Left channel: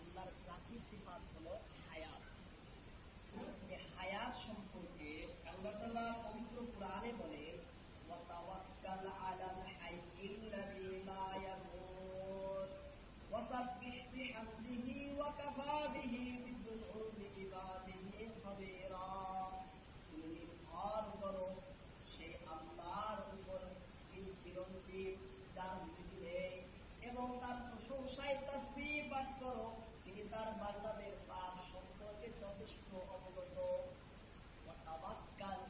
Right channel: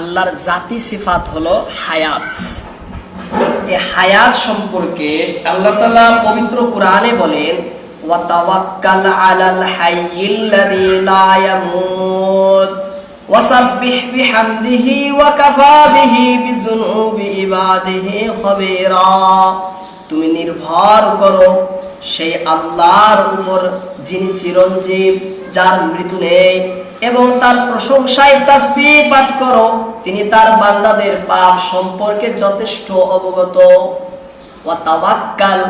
আল্লাহর জাতি সিফাত হলো হায়াত। এই হায়াত সম্পর্কে আল্লাহ তাআলা পবিত্র কোরআনে বলেন, ওয়াতাওয়াক্কাল আলাল হাইয়িল্লাযী লা ইয়ামুত, ওয়াসাব্বিহ বিহামদিহি ওয়া কাফা বিহি বিযুনুবি ইবাদিহি খাবীরা। তুমি নির্ভর করো সেই আল্লাহর উপর যিনি চিরঞ্জীব, যার মৃত্যু নেই এবং তার প্রশংসায় তাসবিহ পাঠ করো। তিনি তার বান্দাদের পাপ সম্পর্কে যথেষ্ট অবগত। ওয়াতাওয়াক্কাল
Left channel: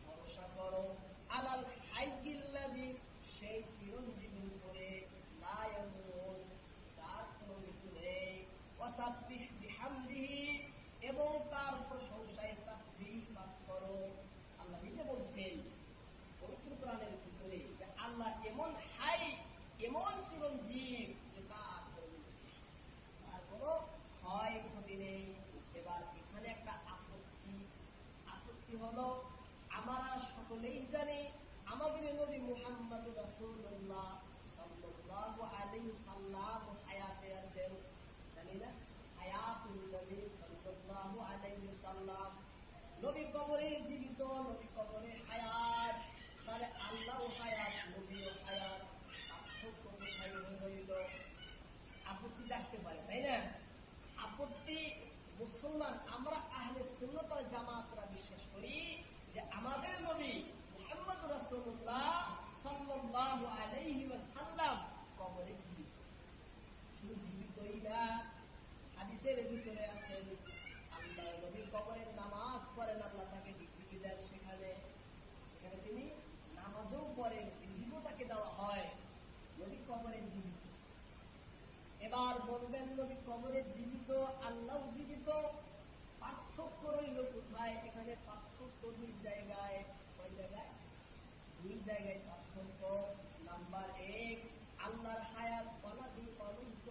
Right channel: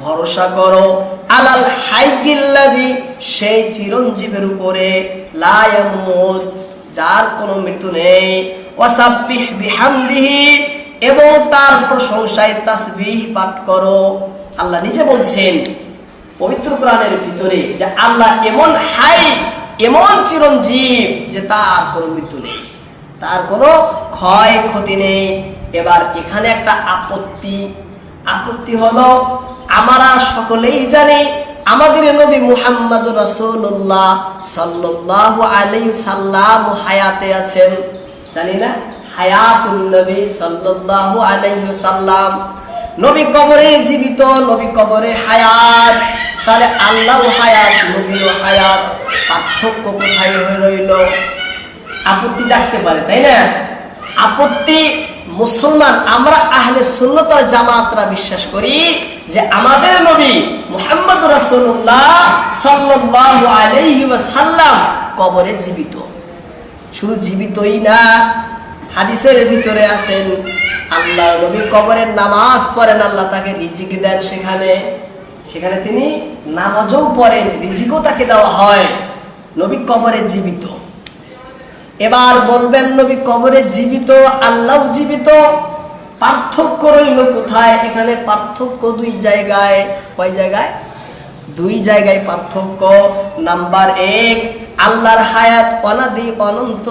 ভরসা করো। আলাল হাইয়িল্লাযী সেই চিরঞ্জীবের উপরে। লা ইয়ামুত, যার কোনো মৃত্যু নেই। ওয়াসাব্বিহ বিহামদিহি, এবং তার প্রশংসায় তাসবিহ পাঠ করো। আল্লাহ নিজে বলছেন, পবিত্র কোরআনের ভিতরে যে আল্লাহ এমন হাই এমন চিরঞ্জীব যে তার কোনো মৃত্যু নেই। তার কোনো ক্ষয় ক্ষতি নেই। এবার এখানে একটা আপত্তি। আপত্তি হলো, আমরা সকলেই জানি আমাদের নবী মুহাম্মদ রাসূলুল্লাহ সাল্লাল্লাহু আলাইহি সাল্লাম হায়াতে আছেন। জানি না? হায়াতুন নবী সাল্লাল্লাহু আলাইহি সাল্লাম। নবী কবরে জীবিত, নবী কবরে হায়াত। তাহলে আল্লাহ হায়াত নবীও হায়াত। পার্থক্য কোথায় হয়ে রইল? আপত্তি জাগতে পারে, তাই না? আপত্তি মুসলমান, আমরা আহলে সুন্নত জামাতরা বিশ্বাস করি যে আমাদের নবী মুহাম্মদ রাসূলুল্লাহ সাল্লাল্লাহু আলাইহি ওয়াসাল্লাম কবরে জীবিত। শুধু জীবিতই না, হাদিসের ভিতরে আছেন আল্লাহ নবী কবরের নামাজ পড়েন, আল্লাহ তাকে রিজিক দেন সেখানে। সেখানে তিনি নামাজও পড়েন, রিজিকও তাকে দেওয়া হয়। নবী কবরে জীবিত। এবার বলবেন, নবী কবরে জীবিত আল্লাহ জীবিত। পার্থক্য রইল কোথায়? এখানে পার্থক্য দুই জায়গায়। কয় জায়গায়? দুই জায়গায় পার্থক্য। নাম্বার এক, আল্লাহর হায়াত অনাদি অনন্ত,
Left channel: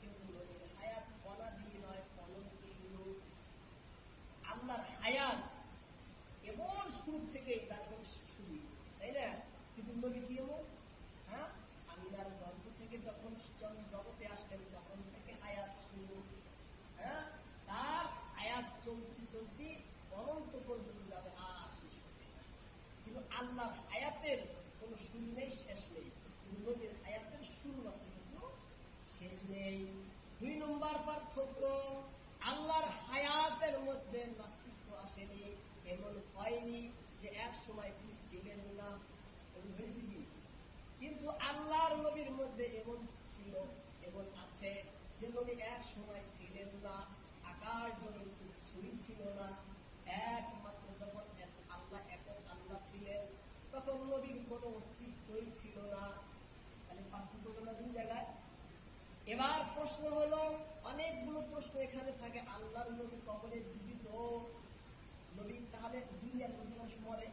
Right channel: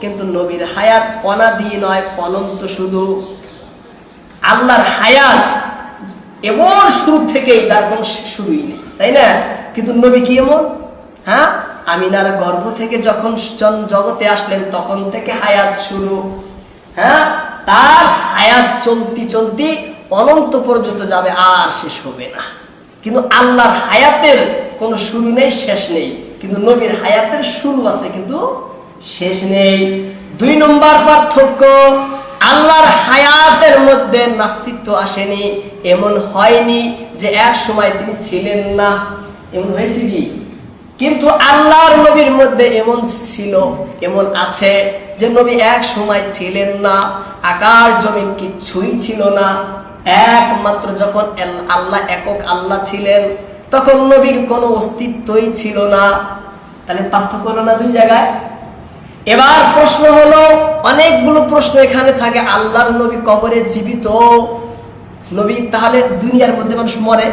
কিন্তু নবীর হায়াত অনাদি নয়, অনন্ত শুধু। আল্লাহর হায়াত এমন শুরু থেকেই যার কোনো শুরুই নেই, তাই না? কিন্তু নবী কি এমন? হ্যাঁ? আমিনার গর্ভ থেকে যখন জগতে আসলেন, তখন থেকে হায়াত শুরু। হ্যাঁ? তার হায়াত চলতি চলতি অনন্ত পর্যন্ত যাবে, আর শেষ হবে না। কিন্তু আল্লাহর হায়াতের কোনো শুরু নেই, শেষ নেই। কিন্তু নবীর হায়াতের শুরু আছে, কিন্তু শেষ নেই। দুই নম্বর পার্থক্য আল্লাহর হায়াতের মধ্যে নাস্তিত্ব আসেনি, এমন হয়নি যে এক সময় তিনি ছিলেন না। এমন হয়েছে কি? কিন্তু আল্লাহর নবীর মধ্যে এমন ছিল, এমন আছে যে নবী এক সময় ছিলেন না আকার জমিন কিচ্ছুই ছিল না। একমাত্র যখন আল্লাহ একক আল্লাহ ছিলেন, তখন নবীর কোনো অস্তিত্বই ছিল না। তাহলে পার্থক্য না দুই জায়গায়? এবার প্রশ্ন হলো, অনেকগুলো প্রশ্ন এখানে থাকে, আল্লাহর নবী কবরে জীবিত? নবী তাহলে দুনিয়ার মধ্যে মানুষ মরে?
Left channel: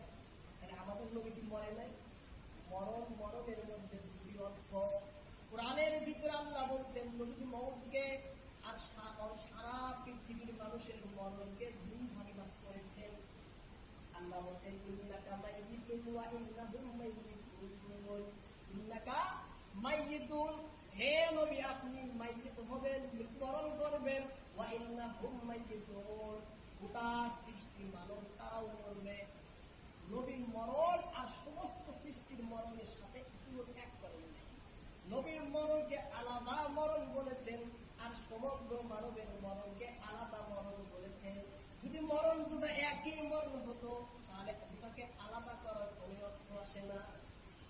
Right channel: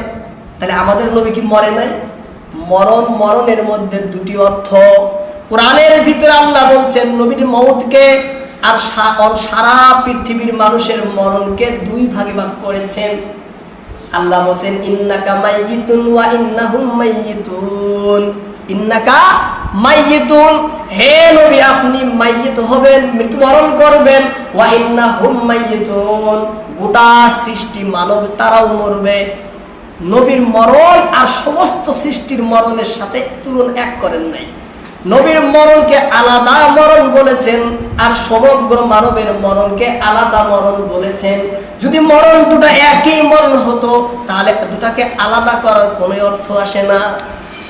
তাহলে আমাদের নবী কি মরে নাই? মরণ মরণের মধ্যে দুটি অর্থ। কোরআনের ভিতরে আল্লাহ বলছেন, নবীর মৌতকে আর সারা পৃথিবীর মানুষের মরণকে দুই ভাগে ভাগ করেছেন। আল্লাহ বলছেন, ইন্নাকা মাইয়িতুন ওয়া ইন্নাহুম মাইয়িতুন। ইন্নাকা মাইয়িতুন, হে নবী, আপনি মাইয়িত হবেন, মৃত্যুবরণ করবেন। ওয়া ইন্নাহুম মাইয়িতুন। গোটা সৃষ্টি মানব, তারাও মরবে। নবীর মরণ আর সমস্ত সৃষ্টির মরণের সাথে তুলন এক করেন নাই। নবীর মরণকে আলাদা মরণ বলেছেন, আর সমগ্র মানবের মরণকে আলাদা মরণ বলেছেন। যদি মরণ দুটা একই মরণ হতো, তাহলে দুটাকে আলাদা করার কোনো অর্থ আসে না।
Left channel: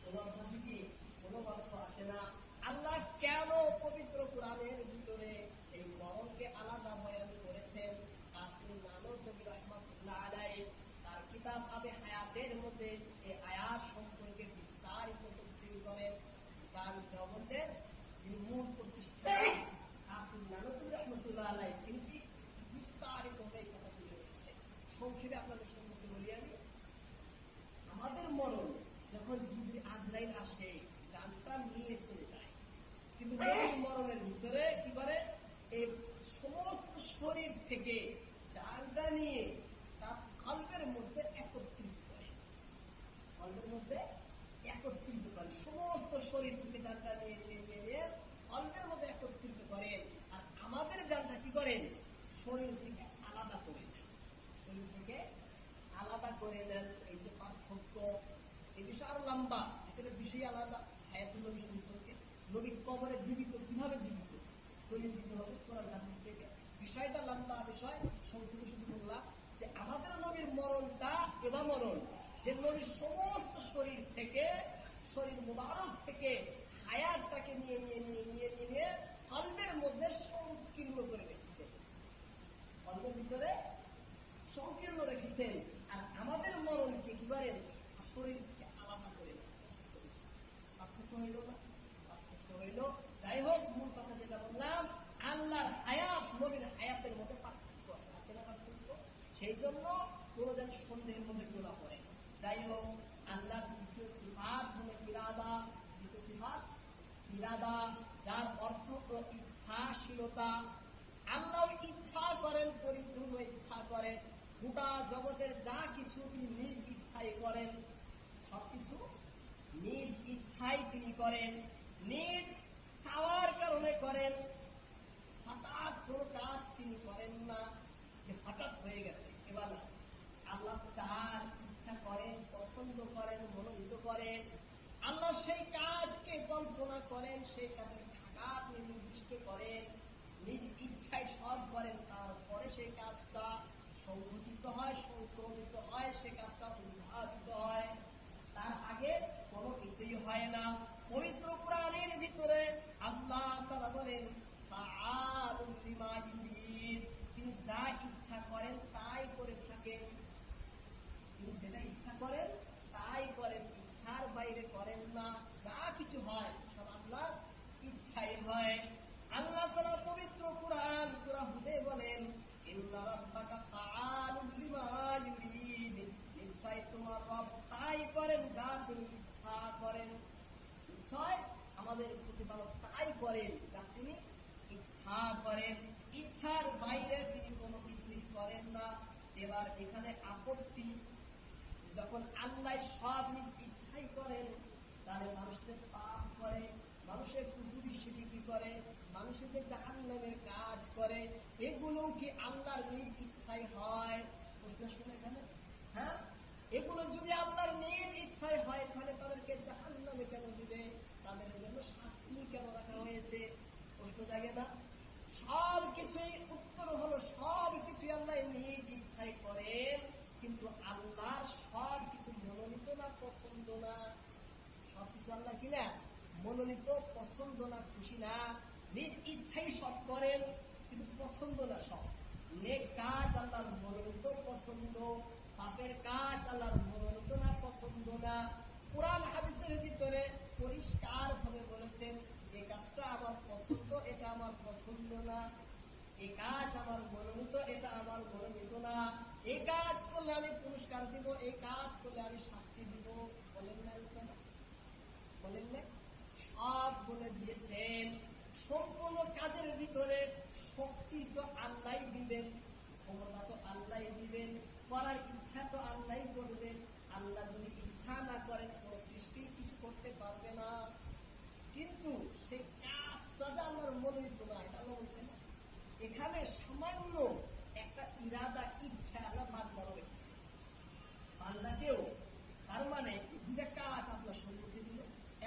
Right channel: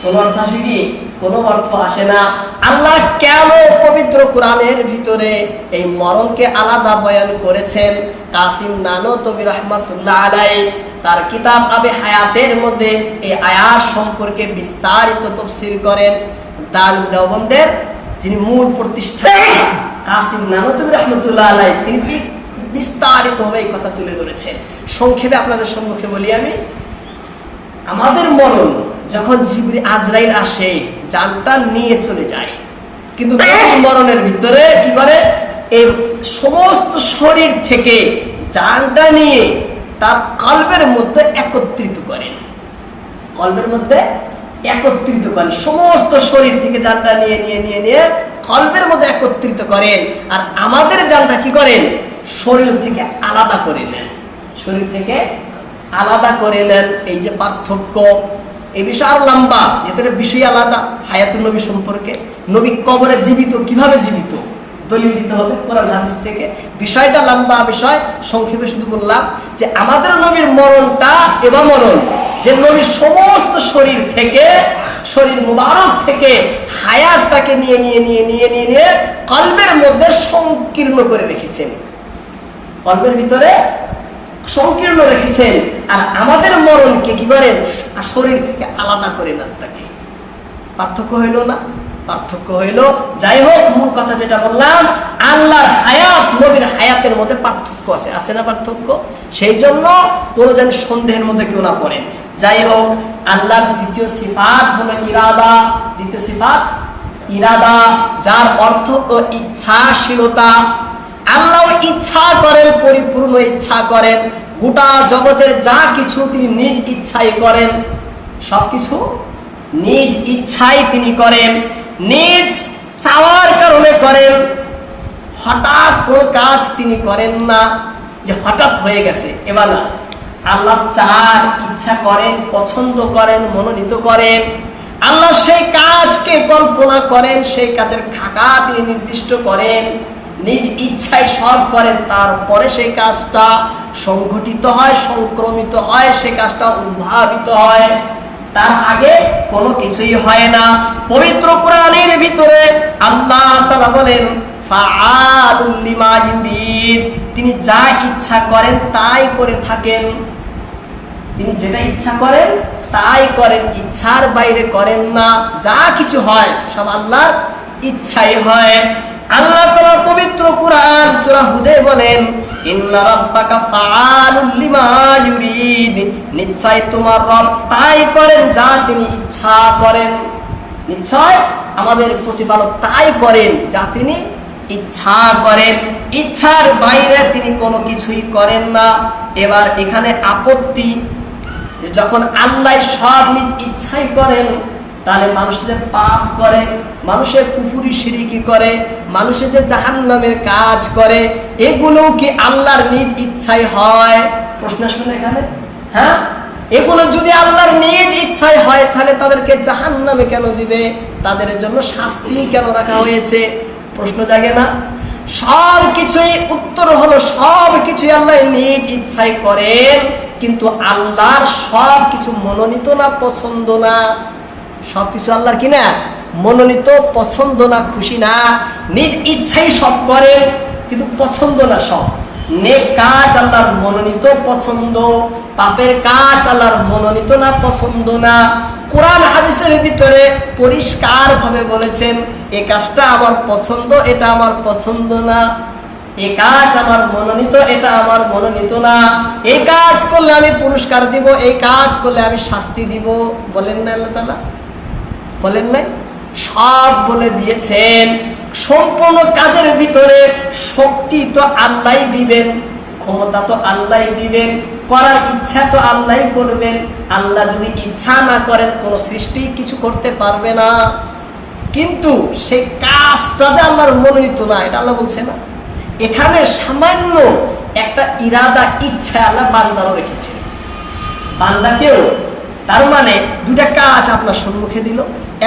কোন অর্থ আসে কি? কোনো অর্থ আসে না। আল্লাহ কেন পবিত্র কোরআনের ভিতরে এই মরণকে আলাদা বয়ান করেছেন? কাসিম নানো তবি রহমাতুল্লাহ আলাই তার কিতাব আবে হায়াতের মধ্যে এই আয়াত সম্পর্কে বিস্তারিত তফসির করেন। দান দেওবন্দের যিনি মূল প্রতিষ্ঠা কাসিম নানতবি রহমতুল্লাহ আলাই তিনি বিস্তারিতভাবে এই কথা তুলে ধরেছেন? সংক্ষেপে আপনাদের সম্মুখে বলি আমি, আমাদের মরণ যখন জিবরি আজরাইল আসে, জানটা নিয়ে চলে যায়। কিন্তু মরণের ভিতরে কি করে? এই সমস্ত শরীর থেকে জানটা নিয়ে তার কল্পের মধ্যে একত্রিত করেন কল্পের মধ্যে একত্রিত করেন সমস্ত শরীর থেকে জানটা নিয়ে নিয়ে নিয়ে নিয়ে কল্পের মধ্যে একত্রিত করেন। আর আমাদের জানটা কি করেন? শরীর থেকে আলাদা করে নেন। শরীর থেকে আলাদা করে নেন। এই যে পার্থক্য এই বিষয় আরও লম্বা, যেহেতু বিষয় আলাদা, হায়াতুল নবী সম্পর্কে। নবী কবরে জীবিত, কীভাবে জীবিত? দলিল দিতে হবে কোরআন হাদিস থেকে। বিষয়টা লম্বা বিষয়, সংক্ষেপে শুধু বললাম যে আমাদের নবীর মরণটা এবার মরণ যে নবীর সমস্ত শরীর থেকে, শরীর মুবারক থেকে হায়াতটাকে নিয়ে নিয়ে নিয়ে নিয়ে নিয়ে নিয়ে কল্পের মধ্যে সংকীর্ণ করে রেখেছেন। কল্পের ভিতরে সংকীর্ণ রেখেছেন, আর আমাদের মরণকে কি করেন? শরীর থেকে আলাদা করে নেন তাকে। পার্থক্য হইল না, পার্থক্য হইল, যাই হোক, মূল কথা যেটা বললাম, আল্লাহর হায়াত, নবীর হায়াতের মধ্যে পার্থক্য আছে। আছে না পার্থক্য? সেই জন্য কোনো যেন সন্দেহের মধ্যে কেউ না পড়ে যাই হোক, আল্লাহর দ্বিতীয় সিফাত হলো ইরাদা। দ্বিতীয় সিফাত, ইরাদা, যার অর্থ ইচ্ছাশীলতা। আল্লাহ ইচ্ছা করেন, পরিপূর্ণ ইচ্ছা করেন। গোটা জগতের যা কিছু তিনি নিজ ইচ্ছাই করেন, সবকিছু নিজ ইচ্ছাই তিনি করেন, নিজ চাওয়ার কারণে করেন। হঠাৎ কোন কাজ তিনি করেন না, যে হঠাৎ হয়ে গেছে। এবার না, আল্লাহ চার ইচ্ছা করেন, পছন্দ করেন, মনোনীত করেন, আল্লাহ সেই কাজকে কল্পনা করেন, সেই কাজের খাকা তিনি নির্দিষ্ট করেন। নিজ ইচ্ছায় সব করেন, তারপরে সেই কাজটা সংঘটিত হয়, সংক্রমিত হয় সেই কাজটা উদ্ভাবিত হয়। তার আগে কোনো কিছুই হয় না। পবিত্র কোরআনের ভিতরে আল্লাহ তারা বলেন তিনি যা ইচ্ছা করেন তাই করে থাকেন। তিনি যেটা ইচ্ছা করেন তাই করেন, ইচ্ছার বাইরে করেন না। যা কিছু হয়, সব আল্লাহর ইচ্ছাই হয়। আল্লাহ তাআলা পবিত্র কুরআন সূরা হুদে বলেন তোমার তাই করেন যা তিনি ইচ্ছা করেন। নিশ্চয় আমাদের তাই করেন যা তিনি ইচ্ছা করেন। ইচ্ছার বাইরে তিনি কোনো কিছুই করেন না। এবার এখানে আপত্তি, যখন আল্লাহ সব নিজ ইচ্ছাই করেন তাহলে মানুষের পাপ করে, মানুষের পুফুরি সিরিকি করে, মানুষের যে জাহান নামের কাজ করে এগুলো কি আল্লাহর নিজ ইচ্ছাই হয়? প্রশ্ন শুনে এখানে? হ্যাঁ? এগুলো যদি আল্লাহর নিজ ইচ্ছায় হয়, তাহলে তাদেরকে জাহান নামে কেন দিবে? তাদের জন্য শাস্তি কেন রাখা হয়েছে? প্রশ্ন জাগে না। সব কিছুই উত্তর হলো, সব কিছুই আল্লাহ নিজ ইচ্ছায় করেন, কিন্তু আল্লাহর সব কিছু মনোনীত না, পছন্দ না। সবকিছু আল্লাহর কি না মনোনীত, পছন্দ না, খুশি না, নিজ ইচ্ছাই সব করেন কিন্তু পছন্দ না সব। কাজ আল্লাহর মনোনীত, পছন্দ। পাপের কাজ আল্লাহর মনোনীত না, পছন্দ না। কোরআন হাদিসের ভিতরে পরিষ্কার ভাবে বলেছেন, এ কাজটা আমার পছন্দ, এটা আমার পছন্দ না। এ কাজ আমার মনোনীত, এটা আমার মনোনীত না। এই কাজ করলে আমি পুরস্কার দিব, এই কাজ করলে আমি শাস্তি দিব। বলেন না আল্লাহ বলেন নাই সব বলে দিয়েছেন। সম্পূর্ণ কাজের ভিতরে শক্তি তো আল্লাহ দিবেন, ক্ষমতা তো আল্লাহ দিবেন, করার ইচ্ছা তো আল্লাহ করবেন। আল্লাহ যদি ইচ্ছা না করেন, কোনো সৃষ্টি কিছু করতে পারবে না। কিন্তু সেই কাজটা যে আল্লাহর মনোনীত না, এটা আল্লাহ বলছে না। এখানে সামান্য একটা ইরাদা ইচ্ছা আল্লাহ বান্দারও রেখেছে। বান্দাকেও তার মানে দুটা কাজ আপনার সম্মুখে দিল।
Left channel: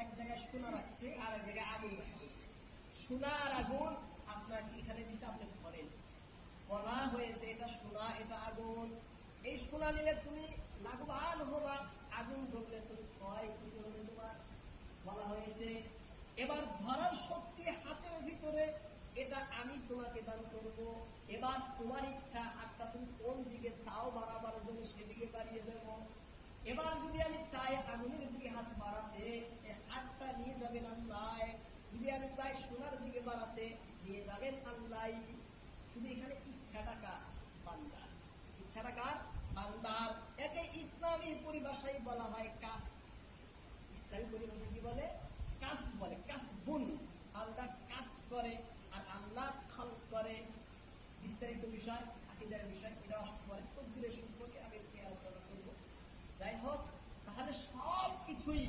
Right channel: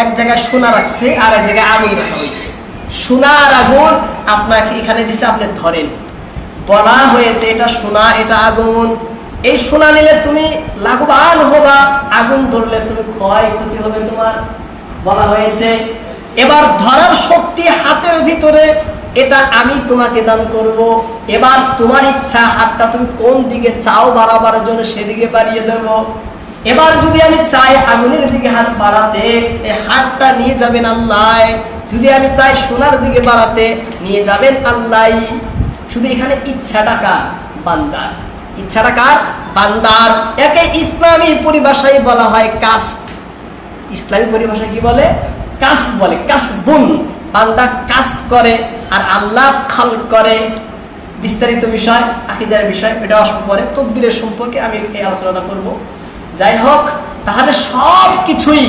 এক জায়গায় সোনা রাখছে আর এক জায়গায় আগুন রাখা হয়েছে। সোনা আর আগুন আপনাকে এখানে দিছে, আপনি ধরেন। বলা হয়েছে এটা সোনা, এটা আগুন। এই সোনা নিলে তুমি লাভবান হবা, আগুন ধরলে তুমি ক্ষয় ক্ষতি হবে তোমার, বলা হয়েছে। এবার ধরার শক্তি হাতের ভিতরে, এটা আমি তোমাকে দান করব। এবার তোমার ইচ্ছা, হাতটা তুমি কোন দিকে চাও বাড়াবার জন্য সেদিকে বাড়িয়ে দেব। এবার যদি আমি চাই আগুনের দিকে হাত বাড়াতে এই হাতটা নিয়ে যাবেন আল্লাহ। যদি আমি চাই সোনার দিকে বাড়াতে, নিয়ে যাবেন আল্লাহ। শুধু এখানে ইচ্ছাটা কার? বান্দার। ইচ্ছাটা কার? বান্দার। একে ইসলামী পরিভাষায় বলা হয় কাস্ট ইসলামী পরিভাষায় কি বলে? কাস বলে, কাসবুন। বান্দা কাস করে আর আল্লাহ খাল করে। বিস্তারিত বিষয়, আকিদার বিষয়, এটা আসব পরে। তকদিরের সম্পর্কে আমি এই আলোচনাটা করব। যাই হোক, তাহলে সব কিছুই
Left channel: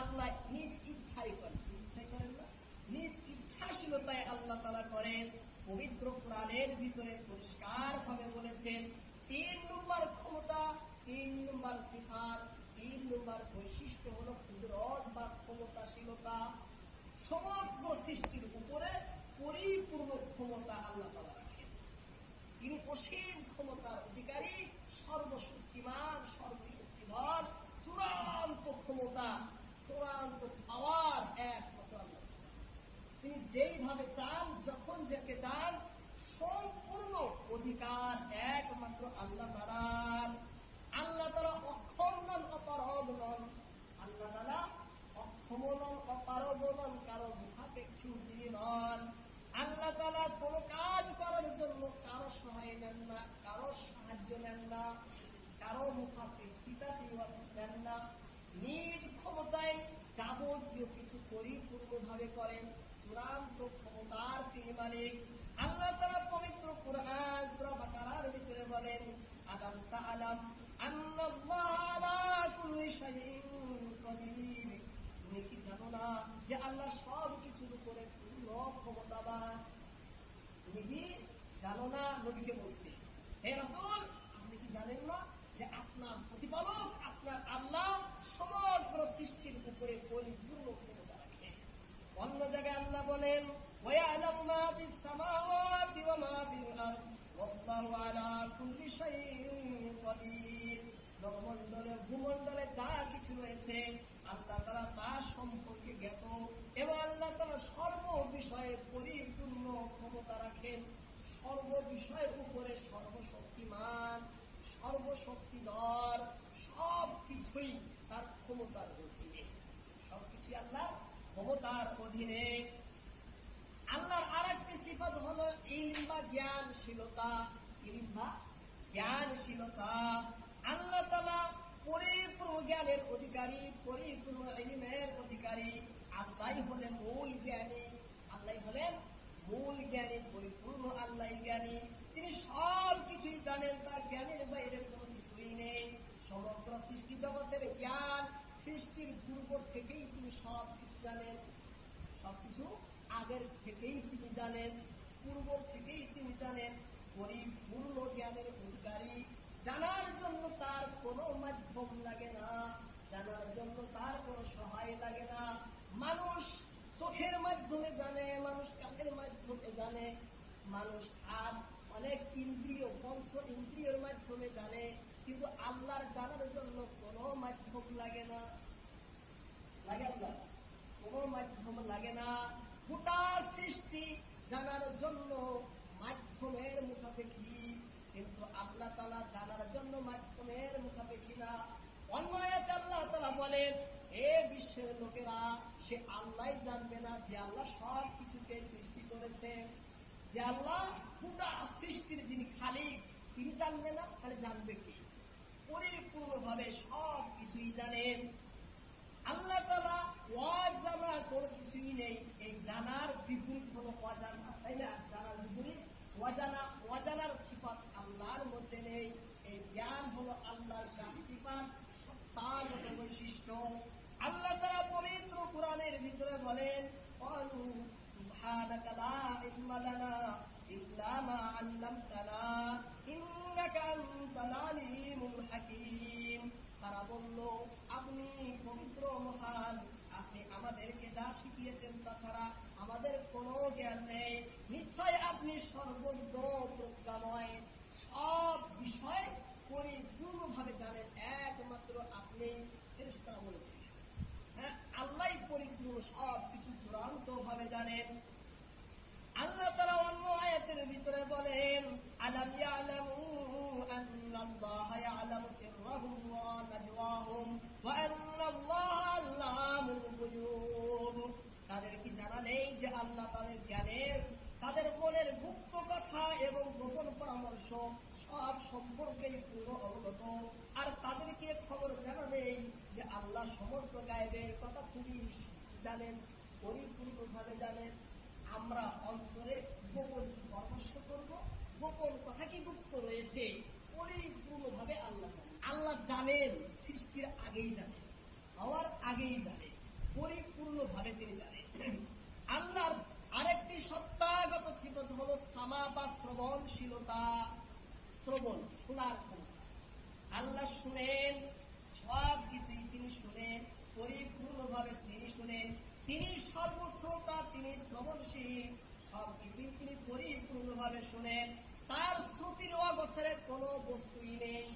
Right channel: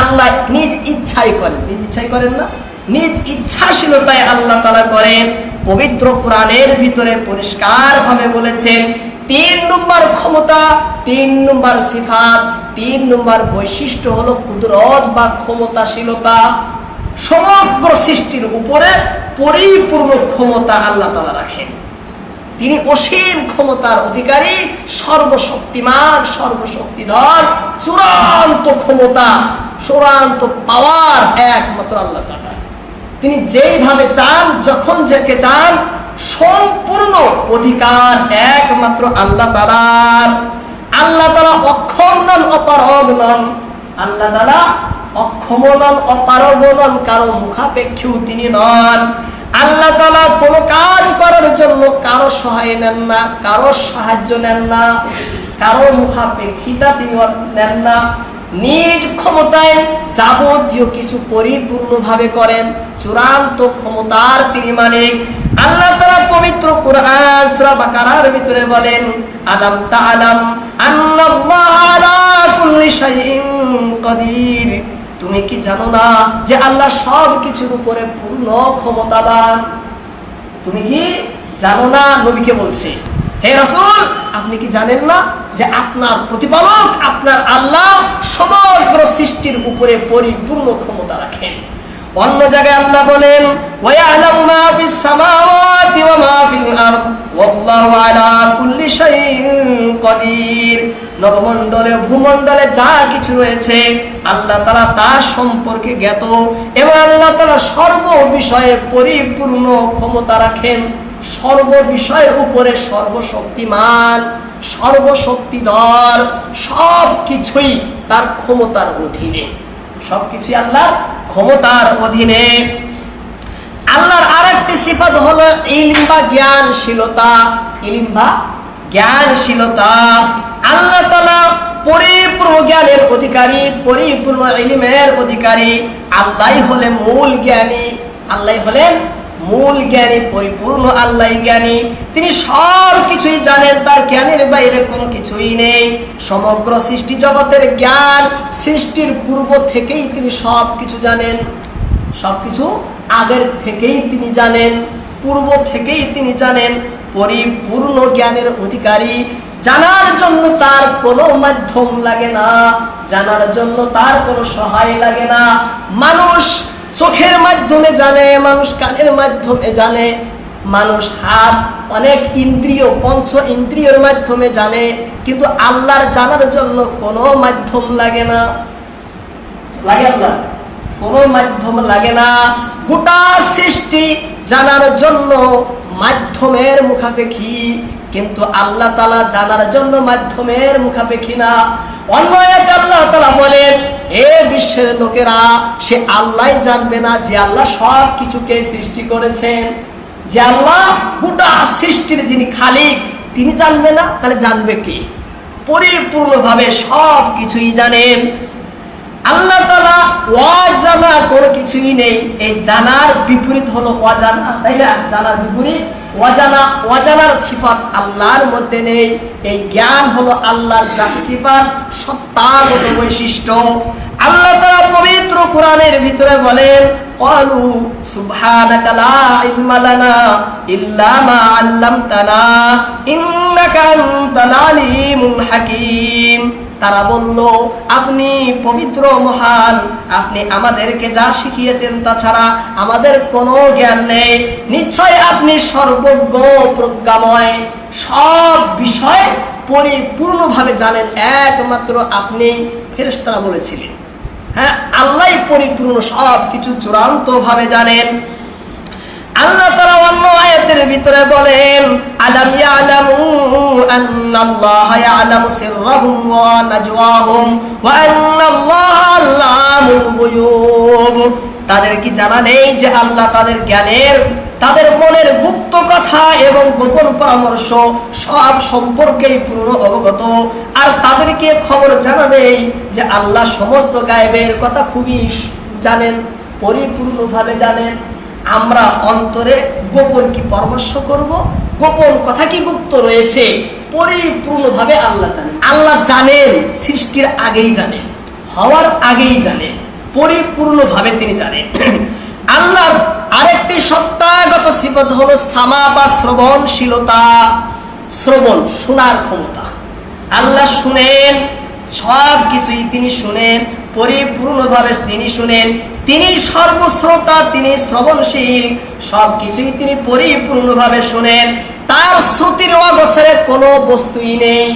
আল্লাহ নিজ ইচ্ছাই করেন। নিজ ইচ্ছাই করেন না? নিজ ইচ্ছাশীলতায় আল্লাহ তালা করেন। পবিত্র কোরআনের ভিতরে পরিষ্কার ভাবে বলেছেন, তিন নম্বর ক্ষমতা, তিন নম্বর সিফাত, তিন নম্বর বৈশিষ্ট্য হলো কুদরত বা ক্ষমতাশীলতা। সমগ্র সৃষ্টির উপরে পরিপূর্ণ ক্ষমতা আল্লাহ তালা রাখেন। তিনি অসীম ক্ষমতার অধিকারী, সর্বশক্তিমান, সর্বশক্তিধর, চূড়ান্ত ক্ষমতা, চূড়ান্ত পাওয়ার একমাত্র আল্লাহ তিনি যেইভাবে চান, যখন যাকে চান, সম্পূর্ণ অধিকার একমাত্র আল্লাহ তালার আল্লাহ তালা অক্ষম নন, অপারগ নন। আল্লাহ তালা অক্ষম নন, অপারগ নন, কারও মুখাপেক্ষীও তিনি নন। আল্লাহ তালা কোনো কাজ করার জন্য কারও সহায় নেন না, কারও সাহায্য নেন না, কারও মুখাপেক্ষিতা নেন না, নিজ ক্ষমতায় যাবতীয় কিছু পরিপূর্ণভাবে করেন, চূড়ান্ত ক্ষমতার তিনি মালিক। আল্লাহ তারা পবিত্র কোরআন, সূরা বাকারার ভিতরে বলেন, আলাম তাআলাম আন্নাল্লাহ আলা কুল্লি শাইইন কাদির। তুমি কি জানো না যে আল্লাহ সব কিছুর উপরে পূর্ণ ক্ষমতাবান? তুমি কি জানো না? নবীকে বলছে, হে রসুল, আপনি কি জানেন না যে আপনার প্রতিপালক, আপনার আল্লাহ সমগ্র সৃষ্টির উপরে পরিপূর্ণ ক্ষমতা রাখেন? অন্য জায়গায় আল্লাহ বলেন ওয়া আলা কুল্লি শাইইন কাদির। নবমণ্ডলে ভূমণ্ডলে যা কিছু রয়েছে, আল্লাহ তাআলা তা সম্পর্কে জ্ঞাত এবং আল্লাহ তাআলা সর্ব বিষয়ে পরিপূর্ণ ক্ষমতা রাখেন। সর্ব বিষয়ের উপরে সর্বশক্তিমান, সর্বশক্তিধর সব কিছুই তার ক্ষমতার অধীনে। সবকিছুই আল্লাহ ক্ষমতার অধীনে। আল্লাহর আরেকটি সিফাত হলো ইলম বা জ্ঞানশীলতা। ইলম বা জ্ঞানশীলতা। আল্লাহ তাআলা পরিপূর্ণ জ্ঞানের অধিকারী, পরিপূর্ণ ইলমের অধিকারী। আল্লাহই হলে মূল জ্ঞানী আল্লাহ হলেন মূল জ্ঞানী, পরিপূর্ণ আল্লাহ জ্ঞানী। তিনি সব কিছুই জানেন, তার জ্ঞানের বাইরে কোনো কিছুই নেই। সমগ্র সৃষ্টি জগতের জ্ঞান সৃষ্টির পূর্ব থেকেই তিনি সব কিছু জানেন। সব কিছু আগের থেকেই তিনি জানেন, পূর্ব থেকেই তিনি জানেন। পরিপূর্ণ জ্ঞানের অধিকারী জানার জন্য তার কোনো মাধ্যম লাগে না, জানার জন্য তার কোনো সহায় লাগে না। মানুষ চোখের মাধ্যমে জানে, মানুষ কানের মাধ্যমে জানে, মানুষ হাত অনেক ইন্দ্রিয়, পঞ্চ ইন্দ্রিয়র মাধ্যমে জানে, কিন্তু আল্লাহর জানার জন্য কোনো মাধ্যম লাগে না। লাগে আল্লাহ, কোনো মাধ্যম লাগে না। গোটা সৃষ্টি জানার জন্য মাধ্যমের মুখাপেক্ষী। কিন্তু আল্লাহ তালা জানার জন্য মাধ্যমের মুখাপেক্ষী না। আয়াতে আল্লাহ তালা বলেন এ বিশ্বের লোকেরা, সে জানবে না যে আল্লাহ সব কিছুকে সৃষ্টি করেছেন। যে আল্লাহ সৃষ্টির যিনি খালিক, তিনি জানবে না, তাহলে জানবে কি? পরিপূর্ণভাবে কিছুই জানেন। আল্লাহ তালা অজানা কোনো কিছুই নেই। এই জানার বিপরীত হলো অজানা, তাই না? জানার বিপরীত অজানা অজানার সিফাত আল্লাহর মধ্যে নেই এই জ্ঞান হলো আল্লাহর জাতি সিফাত সত্তাগত বৈশিষ্ট্য আল্লাহ তালা পবিত্র কোরআনের ভিতরে বলেন قالوا سبحانك لا علم لنا إلا ما علمتنا إنك أنت العليم الحكيم তারা বলল, আপনি পবিত্র, মহান। আপনি আমাদেরকে যা শিখিয়েছেন তাছাড়া আমাদের কোনো জ্ঞান নেই। নিশ্চয় আপনি সর্বজ্ঞ, প্রজ্ঞাময়। সব বিষয় পরিপূর্ণভাবে জানেন, একমাত্র আপনি। ফেরেশতারা বলেছিলেন হ্যাঁ আল্লাহ পরিপূর্ণ সব কিছু চূড়ান্ত ভাবে জানেন। আল্লাহ তাআলা অন্য আয়াতের ভিতরে বলেন, আলাম ইয়ালামু আন্নাল্লাহা ইয়ালামু সিররাহুম ওয়া নাজওয়াহুম ওয়া আল্লামুল গুয়ুব। তাদের কি জানা নেই যে আল্লাহ তাদের জ্ঞানের, তাদের মনের গুপ্ত কথা এবং গোপন পরামর্শ সব সম্পর্কেই পূর্ণ অবগত। আর তাদেরকে খবর জানা নেই যে আল্লাহ সমস্ত গায়েবের কথা খুবই জানেন, পরিপূর্ণভাবে জানেন। আমরা অন্তরে গোপন কি পরামর্শ করব? গোপন কথা কি গুপ্ত রয়েছে? পরিপূর্ণভাবে আল্লাহ জানেন। আল্লাহ জানেন, সৃষ্টির আগেই জানেন, হওয়ার আগেই জানেন, পরিপূর্ণভাবে তিনি জানেন। আল্লাহর আরেকটি সত্তাগত সিফত হলো সামা বা শ্রবণশীলতা, শ্রবণ শোনার ক্ষমতা। আল্লাহ শুনেন সব কিছুই তিনি শুনেন, পরিপূর্ণভাবে তিনি শুনেন তিনি সর্বশ্রোতা, তিনি শ্রবণশীল, সবকিছুই তিনি পরিপূর্ণভাবে শোনেন। তার শ্রুতির অগোচরে কোনো বস্তুই নেই।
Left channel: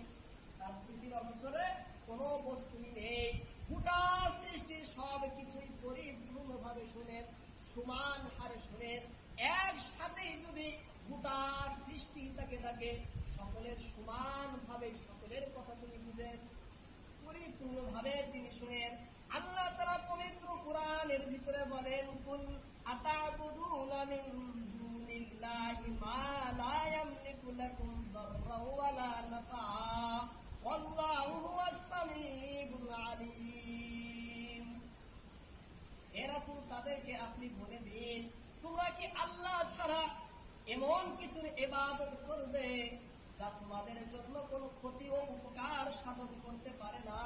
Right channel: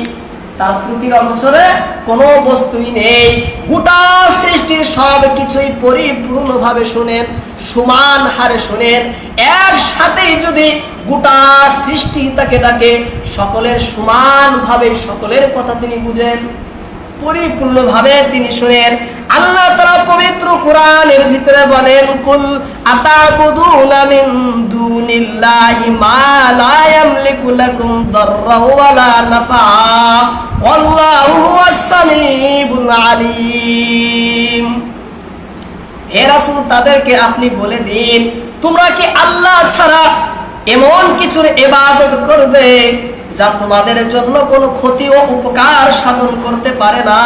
তার শ্রুতির অগোচরে কোনো বস্তুই নেই। গোটা সৃষ্টির সব কিছুই পরিপূর্ণভাবে শোনেন, সমান হারে শোনেন। একসাথেই যদি গোটা সৃষ্টি তাকে ডাকে, সকলের সমানভাবে সকলের কথা তিনি বুঝেন। পরিপূর্ণভাবে তিনি শুনেন। আল্লাহ তাআলা পবিত্র কোরআনের ভিতরে বলেন, কুল আতাবুদুনা মিন দুনিল্লাহি মা লা ইয়ামলিকু লাকুম দাররা ওয়ালা নাফা ওয়াল্লাহু হুয়াস আলিম। হে রাসূল, তাদেরকে আপনি বলে দিন, তোমরা কি আল্লাহ ছাড়া এমন কিছুর ইবাদত করবে? যা তোমাদের জন্য কোনো ক্ষতি ও উপকার সাধন করতে পারে না।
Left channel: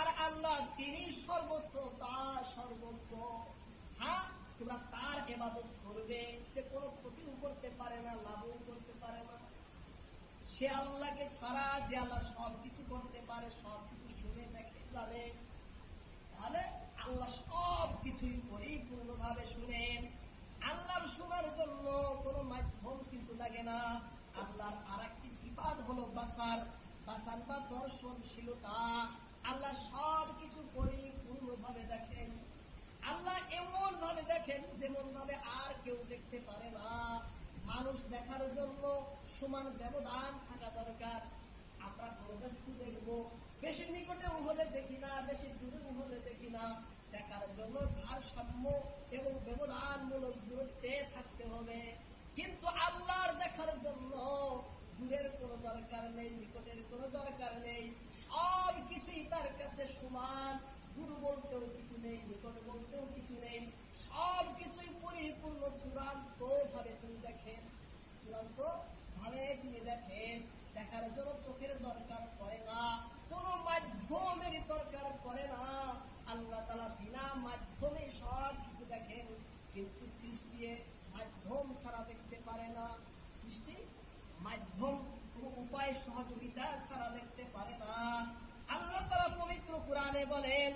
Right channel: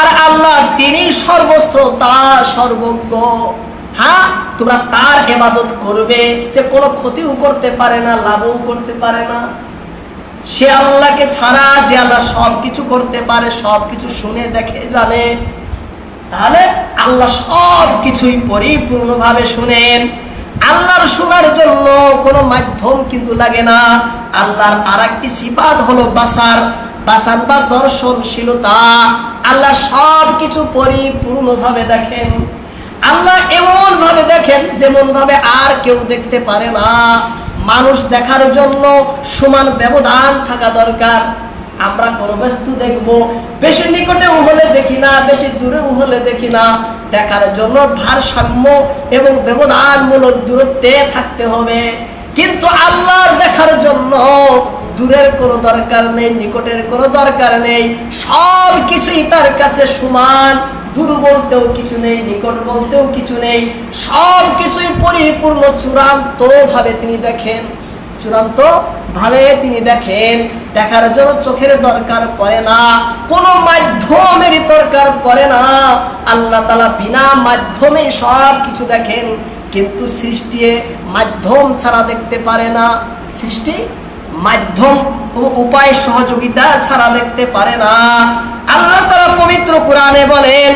আর আল্লাহ তিনি সর্বশ্রোতা, সর্বজ্ঞ। হ্যাঁ তোমরা তার ইবাদত করবে যে কোনো ক্ষতিও করতে পারে না, লাভও করতে পারে না। সে আল্লাহকে ছাড়া যে আল্লাহ সব কিছু করতে পারে সব কিছু শুনে, দেখে, জানে। তাহলে আল্লাহ সব কিছুই পরিপূর্ণভাবে শুনেন। আল্লাহর শোনার জন্য কোনো মাধ্যম কিন্তু লাগে না। আল্লাহর আর একটি সিফাত হলো বাসার। বাসার বা দর্শনশীলতা। আল্লাহ সব কিছু পরিপূর্ণভাবে দেখেন। আল্লাহ এমন ভাবে দেখেন যেমন ভাবে আর কেউ দেখতে পারে না। মানুষ দেখার জন্য সমান ব্যবধান থাকা দরকার। আমরা কোনো বস্তু দেখব। বেশি নিকটেও হলে দেখি না, বেশি দূরেও হলে দেখি না। দেখার জন্য ভারসাম্য এবং ব্যবধানমূলক দূরত্বে থাকতে হবে। কিন্তু আল্লাহর দেখার জন্য দূরের কোনো দরকার নেই, নিকটের কোনো দরকার নেই। সব কিছুই তার কাছে সমান। দূর বলতেও কিছু নেই, নিকট বলতেও কিছু নেই। সব কিছুই পরিপূর্ণ চূড়ান্ত ভাবে তিনি দেখেন। চূড়ান্ত ভাবে তিনি দেখেন। দেখার জন্য চোখের দরকার পড়ে না, কোনো মাধ্যমেরই দরকার পড়ে না। আল্লাহ তালা বিনা মাধ্যমে সব কিছু দেখেন, কিন্তু সৃষ্টি মাধ্যম ছাড়া দেখতে পারে না। সৃষ্টি মাধ্যম উপায় সহযোগিতা ছাড়া দেখতে পারে না। আল্লাহ তাআলা পবিত্র কোরআনে বলেন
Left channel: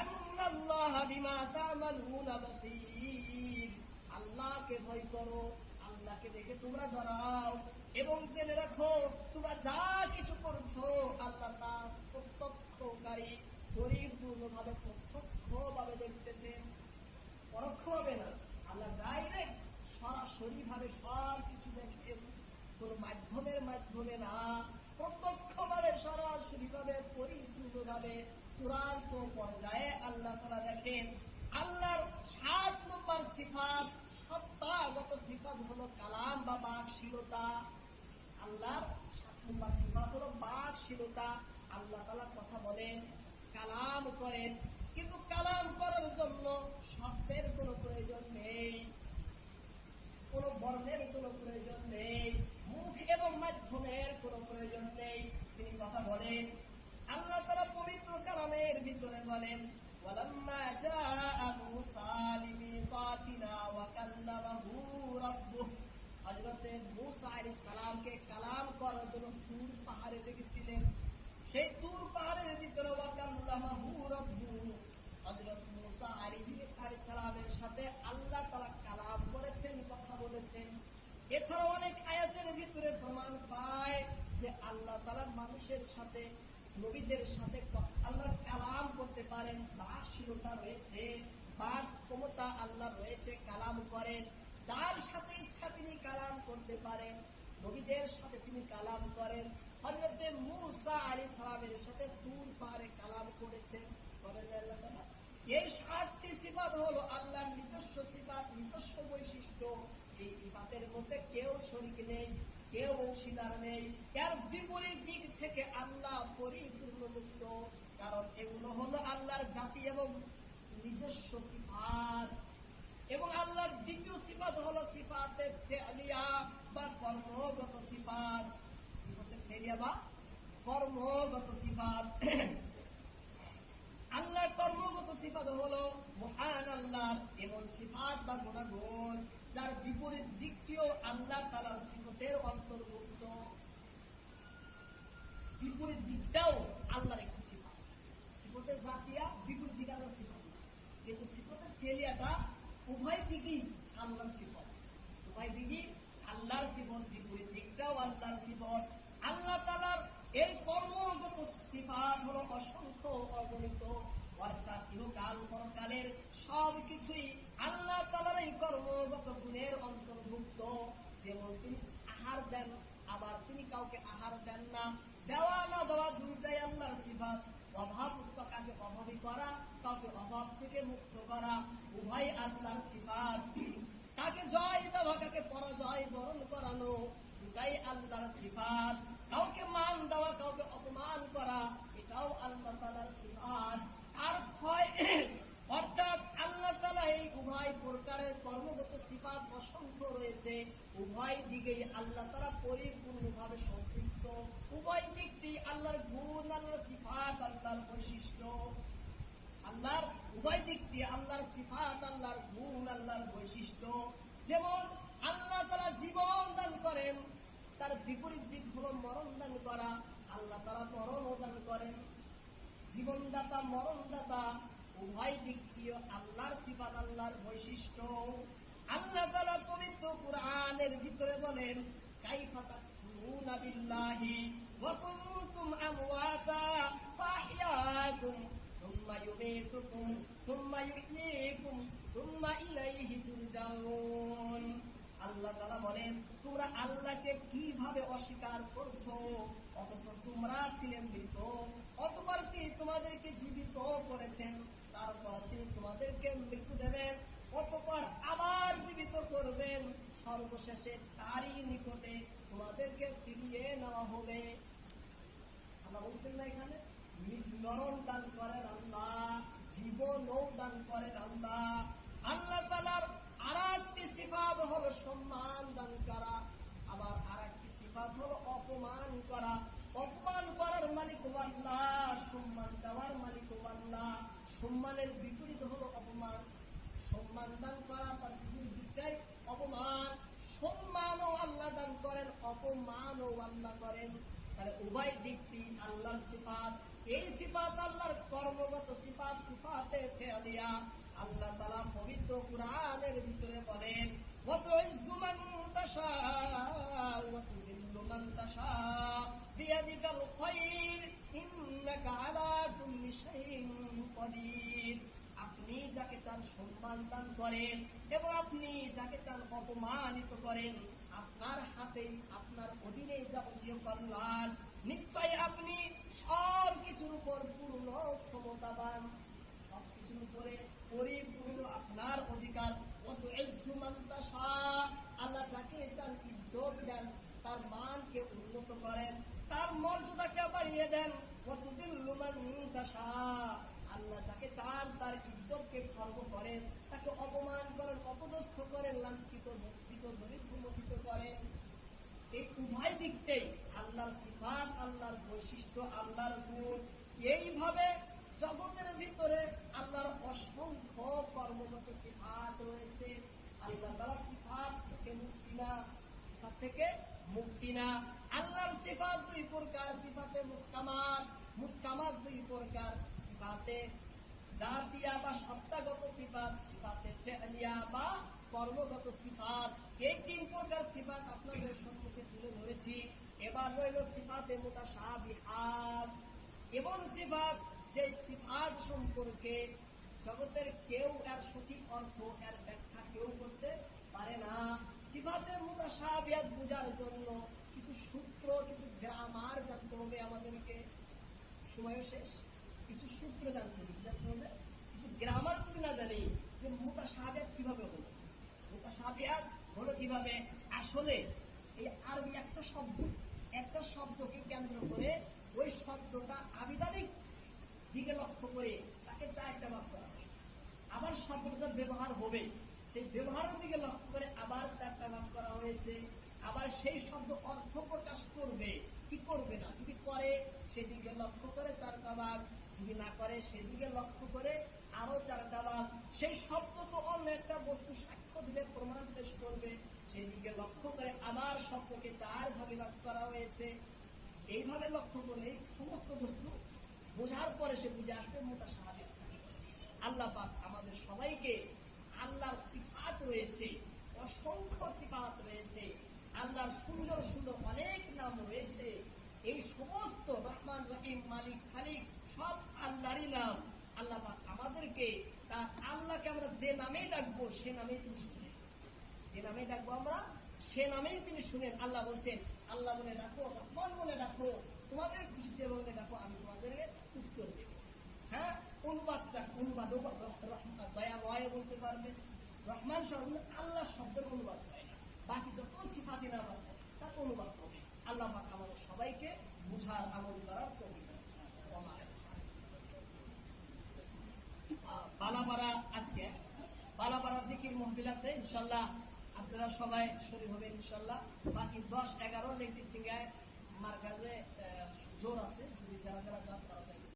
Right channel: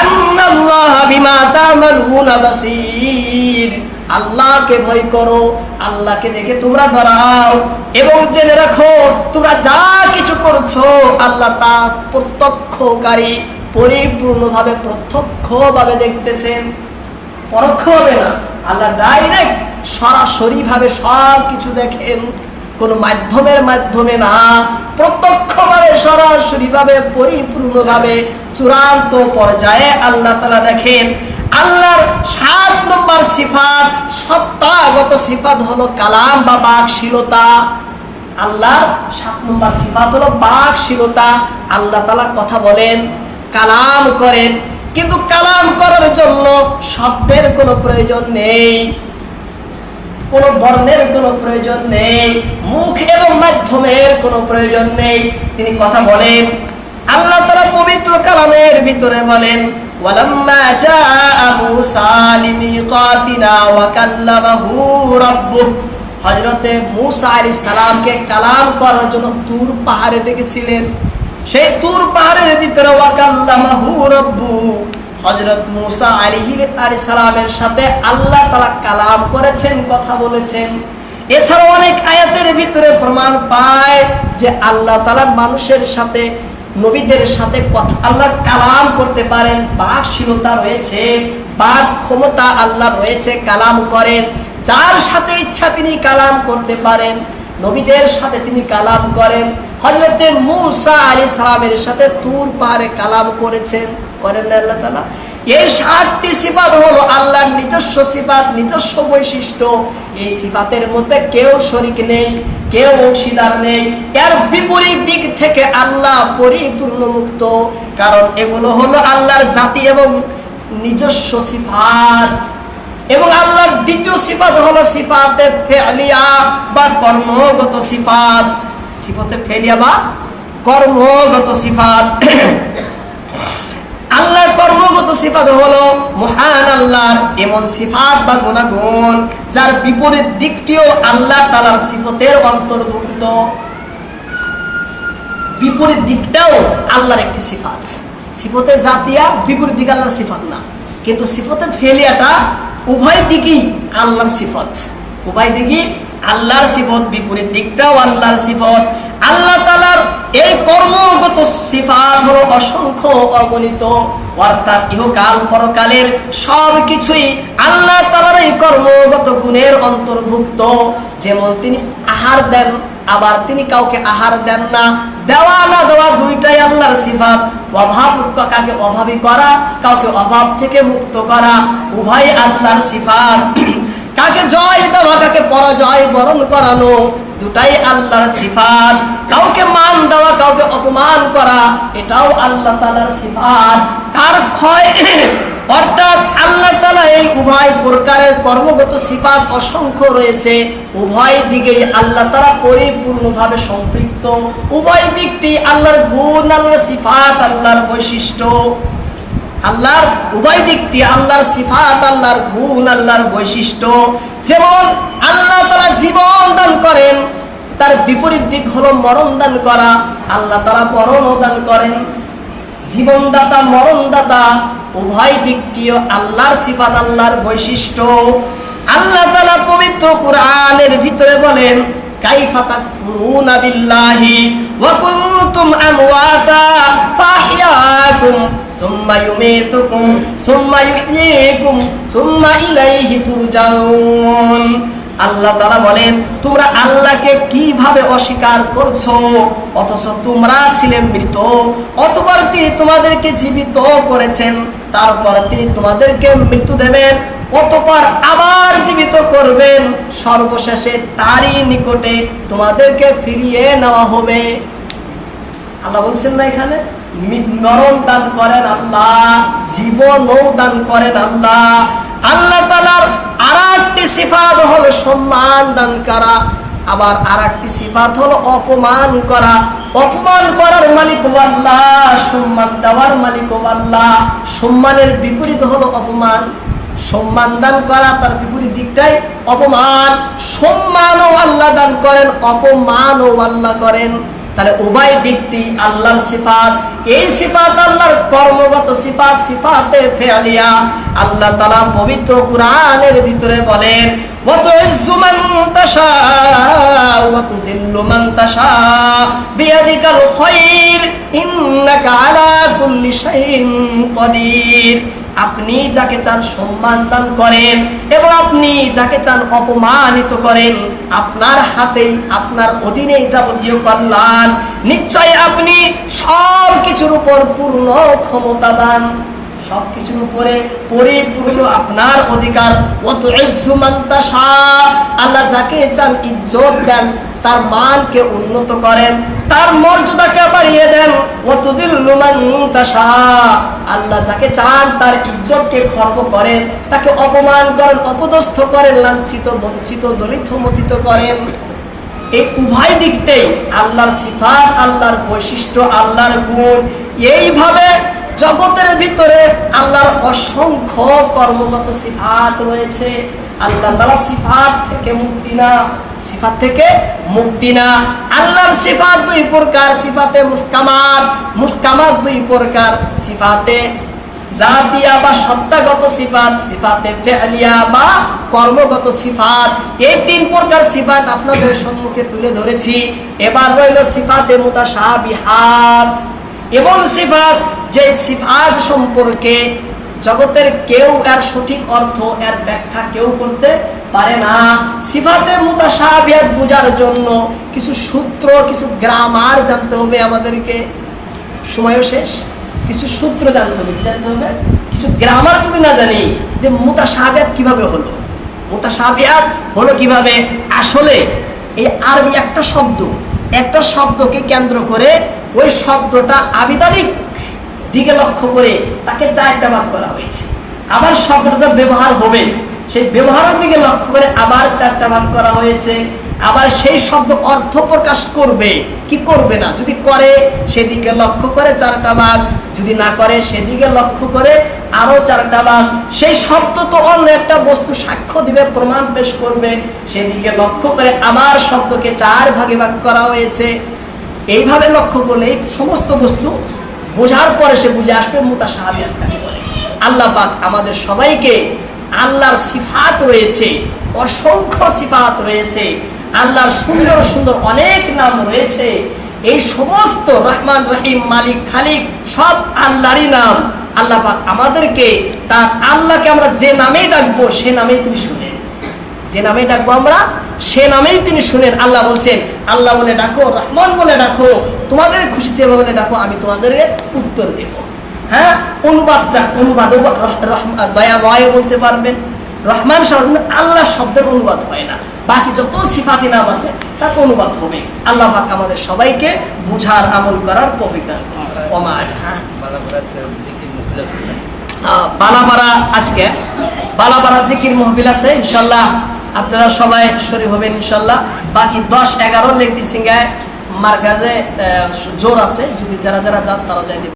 আন্নাল্লাহা বিমা আল্লাহকে ভয় করো, আল্লাহকে দেখে তোমরা ডরাও এবং জেনে রাখো, তোমরা যা কিছু করছ, আল্লাহ তা প্রত্যক্ষকারী, পরিপূর্ণভাবে প্রত্যক্ষভাবে দেখতেছেন। পরোক্ষ হবে না। আল্লাহ ডাইরেক্ট সরাসরি ভাবে সব কিছু দেখেন। কোন মাধ্যমের মাধ্যমে না। প্রত্যক্ষভাবে সরাসরি ভাবে পরিপূর্ণভাবে, চূড়ান্ত পর্যায়ে আল্লাহ তালা দেখেন। আল্লাহর সাত নম্বর সিফাত, সত্তাগত সিফাত হলো কালাম বা বাকশীলতা। আল্লাহর সাত নম্বর সিফাত হলো বাকশীলতা। আল্লাহ তালা কথা বলেন, কালাম করেন। কিন্তু কালাম করার জন্য শব্দের কোনো প্রয়োজন নেই। কোনো বর্ণের কোনো প্রয়োজন নেই। মুখ এবং মাধ্যমের কোনো প্রয়োজন নেই। তিনি কথা বলেন, আল্লাহ তালা পবিত্র কালামের ভিতরে বলেন জাআ মূসা লিমিকাতিনা ওয়া কাল্লামাহু রাব্বুহ। হযরতে মূসা আলাইহিস সালামকে কালাম করার জন্য তুর পাহাড়ে ডেকেছিলেন। সেই তুর পাহাড়ের ভিতরে ওয়া কাল্লামাহু রাব্বু হযরত মূসা আলাইহি সালামের সাথে আল্লাহ তাআলা কালাম করেছেন, কথা বলেছেন। এছাড়া অনেক আয়াতের ভিতরে প্রমাণ পায় যে আল্লাহ তাআলা মানুষের সাথে নবীদের সাথে কথা আল্লাহ কালাম করতে পারেন, বাকশীলতা রয়েছে, বাক ক্ষমতা আল্লাহ রয়েছে, কালাম করেন, যার সাথে ইচ্ছা তিনি কালাম করতে পারেন, নবীদের সাথে তিনি কালাম করেন হজরতে মুসা আলী সালামের সাথে তুর পাহাড়ে কালাম করেছেন, করেন আল্লাহ তালা এই সাতটি সিফাত হলো আল্লাহর নিজস্ব সিফাত, নিজস্ব বৈশিষ্ট্য। এই সিফাতের মধ্যে কেউ শরিক নেই, কেউ অংশীদার নেই। এর বিপরীত দিক থেকে আল্লাহ পরিপূর্ণ মুক্ত। কারণ এগুলো হলো আল্লাহর জাতি এবং নিজস্ব সিফাত। এবং আল্লাহর দ্বিতীয় সিফাত হলো সিফাতে ফেলিয়া বা কর্মগত সিফাত। সিফাতে ফেলিয়া বা কর্মগত সিফাত। আল্লাহর কর্মগত সিফাত হলো মহান আল্লাহর এমন সিফাত বা গুণাগুণ, যার বিপরীত দিকটিও আল্লাহ তালার সিফতের অন্তর্ভুক্ত। বিপরীত দিকটাও আল্লাহর একটি সিফাত। সিফতে জাতিয়া বিপরীত দিক আল্লাহর সিফাত না। কিন্তু সিফতে ফেলিয়াটা উভয় দিকই আল্লাহর সিফত। উভয় দিকই আল্লাহর সিফত, বিপরীত দিকটাও আল্লাহর সিফত। আল্লাহ তালার এই কর্মগত সিফাত হলো অসংখ্য অগণিত, অর্থাৎ ইহকাল পরকালের সব কিছুই আল্লাহ তালার এই কর্মগত গুণের অন্তর্ভুক্ত। যেমন তিনি আহার দেন, আবার তিনি কাউকে আহার দেন না, দেওয়া না দেওয়া দুইটাই আল্লাহর সিফাত। অভাব কাকে অভাবী করা, কাউকে অভাব থেকে মুক্ত করা উভয় আল্লাহর সিফাত। কাকে জয় দেওয়া কাকে পরাজয় বরণ করানো দুটাই আল্লাহর সিফাত। কাউকে মান দেওয়া, কাউকে অপমান করা, এটাও আল্লাহ তালার সিফাত। কার ক্ষয়? অর্থাৎ আল্লাহ তালা এই উভয় প্রকারের কর্মগত সিফাত অসংখ্য রয়েছে। উভয় দিকেই আল্লাহ তালা পরিপূর্ণভাবে সম্পৃক্ত। উভয় দিকটি আল্লাহর গুণ, আল্লাহর সিফাত, আল্লাহর বৈশিষ্ট্য। আল্লাহর উভয় দিকটি আল্লাহর সিফাত, আল্লাহর গুণ, আল্লাহর বৈশিষ্ট্য। যেমন আল্লাহ তারা জীবন দান করেন, তার বিপরীত দিক হলো মরণ দান করা। আল্লাহ তারা মরণও দান করেন। জীবনদাতা, মরণদাতা, উভয় দিকটিও আল্লাহর সিফাত, আল্লাহর বৈশিষ্ট্য। আল্লাহ তালা পবিত্র কোরআনের ভিতরে বলেন, কাইফা সুম্মা ইউমীতুকুম, সুম্মা ইহয়ীকুম সুম্মা ইলাইহি তুরজাউন। আল্লাহ তালা বলেন, তোমরা আল্লাহকে কীভাবে অস্বীকার করছ? অথচ তোমরা ছিলে মৃত অতবার তিনি তোমাদেরকে জীবিত করেছেন। তারপর তিনি তোমাদেরকে মৃত্যু দেবেন, অতপর আবার জীবিত করবেন। সর্বশেষে তারই নিকটে তোমাদেরকে ফিরিয়ে নেওয়া হবে। আল্লাহ বলছেন না এখানে? মি- মরণ দান করেন আল্লাহ জীবনও দান করেন আল্লাহ। আল্লাহ তালার আর একটি সিফাত হলো সম্মান দান করা। আবার আর একটি সিফাত হলো অপমান করা। অপমান করার মালিক আল্লাহ সম্মান দেওয়ার মালিক আল্লাহ সম্মানের বিপরীত হলো অপমান। সম্মান দান করা তার বিপরীত দিকটাই অপমান। সম্মানও আল্লাহ দান করেন, অপমানও আল্লাহ করেন। তাহলে উভয় দিকটি আল্লাহর সিফাত। এই সিফাত আল্লাহর কর্মগত সিফাত সিফাতে ফেয়ালিয়া আল্লাহ তালা পবিত্র কুরআনের ভিতরে বলেন বিয়াদিকাল আপনি যাকে চান সম্মান দান করেন এবং আপনি যাকে চান অপমানিত করেন, আপনার হাতেই, আপনার অধীনে যাবতীয় কল্যাণ। নিশ্চয় আপনি সব কিছুর উপর পূর্ণ ক্ষমতা দান। সবকিছুর উপরে পরিপূর্ণ আপনার অধিকার। আল্লাহ যাকে চান ইজ্জত দেন, তার মানকে উন্নত করেন, তার মর্যাদাকে বাড়িয়ে দেন। অতদিল্লুমান্তাসা আল্লাহ যাকে চান তার ইজ্জতকে খর্ব করেন, তাকে অপমান করেন, অপদস্থ করেন, লাঞ্ছিত, বঞ্চিত, দলিত মথিত করেন। এই উভয় দিকটাই আল্লাহর সিফাত, আল্লাহর বৈশিষ্ট্য, আল্লাহর গুণ। এইভাবে জগতের ভিতরে আল্লাহর অসংখ্য কর্মগত সিফাত রয়েছে। আল্লাহ তালা সিফাত থেকে মুক্তি না, সিফাত থেকে মুক্তি না। আল্লাহর সিফাত দুই প্রকার, সিফাতে মুহকামাত মুহকামাত দুই প্রকার। সিফাতে জাতিয়া বা সত্তাগত সিফাত, সিফাতে ফেলিয়া বা কর্মগত সিফাত। এই তিন প্রকার সিফাত আপনাদের সম্মুখে তুলে ধরেছি। এবার রইল সিফাতে মুতাশাবিহাত। এবং সিফাত, যে সিফাত সম্পর্কে জগতের কেউ এর সঠিক অর্থ, এর ব্যাখ্যা কেউ করতে পারে না। সিফাতে মুতাশাবিহাত বোঝার জন্য কিছু সূত্র, কিছু গ্রামার জানতে হবে আমাদেরকে। সময়ও শেষ। কিছু সূত্র জানতে হবে জানতে হবে? কিছু গ্রামার যদি না জানি, যে মুতাসাবিয়াত কীভাবে হলো? মুতাসাবিয়াত হলো কীভাবে? আসলে এই আরবি একটা শব্দ, একটা শব্দকে কেন্দ্র করে ওই শব্দটা আবিদানিক দিকে লক্ষ্য করে তাকে চারটা ভাগ করা হয়েছে। আবার শব্দটা ব্যবহার হবে, সেই ব্যবহারের দিকে লক্ষ্য করে আবার চারটা ভাগ করা হয়েছে। আবার সেই শব্দ অর্থ প্রকাশ করবে। কি করবে না? যদি করে, সেদিকে লক্ষ্য করে চারটা ভাগ যদি না করে, সেদিকে লক্ষ্য করে আরও চারটা ভাগ সেই শব্দ তো অন্য একটা বস্তু সাক্ষ্য দিবে, প্রমাণ পেশ করবে। সেদিকে লক্ষ্য করে আবার শব্দকে চার ভাগে ভাগ করা হয়েছে। এইভাবে লক্ষ্য করলে সমস্ত বস্তু বোঝার পরে সে বুঝে আসবে মোতা সাহাবিয়াত কাকে বলে। আল্লাহ পাক আমাদের সবাইকে আল্লাহর সিফাত রয়েছে, অসংখ্য সিফাত রয়েছে, আল্লাহর সুন্দর সুন্দর অনেক নাম রয়েছে। এই সমস্ত রহমান রহিম, মালিক, খালিক সব আল্লাহরই নাম। আল্লাহ পাক আমাদেরকে, তার আল্লাহকে আমরা যে নামেই ডাকবো, সে নামেই তিনি শুনেন যে নামে ডাকবো আমরা সে নামেই তিনি শুনেন। আল্লাহ বলছেন আল্লাহ বলে ডাকো রহমান বলে ডাকো তোমাদের খুশি চেয়ে বলে ডাকো আমি তোমাদের উত্তর দেব। হ্যাঁ অনুবাদটা অনুবাদ দয়াময় বলতে পারবেন। রহমান শব্দ আল্লাহ শব্দের অনুবাদ হয় না। বাকি যত সিফাতি নাম আছে তার অনুবাদ হবে। আল্লাহ পাক আমাদের সবাইকে বুঝার আমল করার কবিতা হ্যাঁ। বালাপাড়া আজকে বালাপাড়া জিকির মহবিল আছে ইনশাল্লাহ আপনারা সবাই শরীর হবেন, ইনশাল্লাহ। বাকি দশ এগারো লেগটি সিঙ্গায় মার কাজে জোর আছে। যদি যারা যারা যান, তারা যাইতে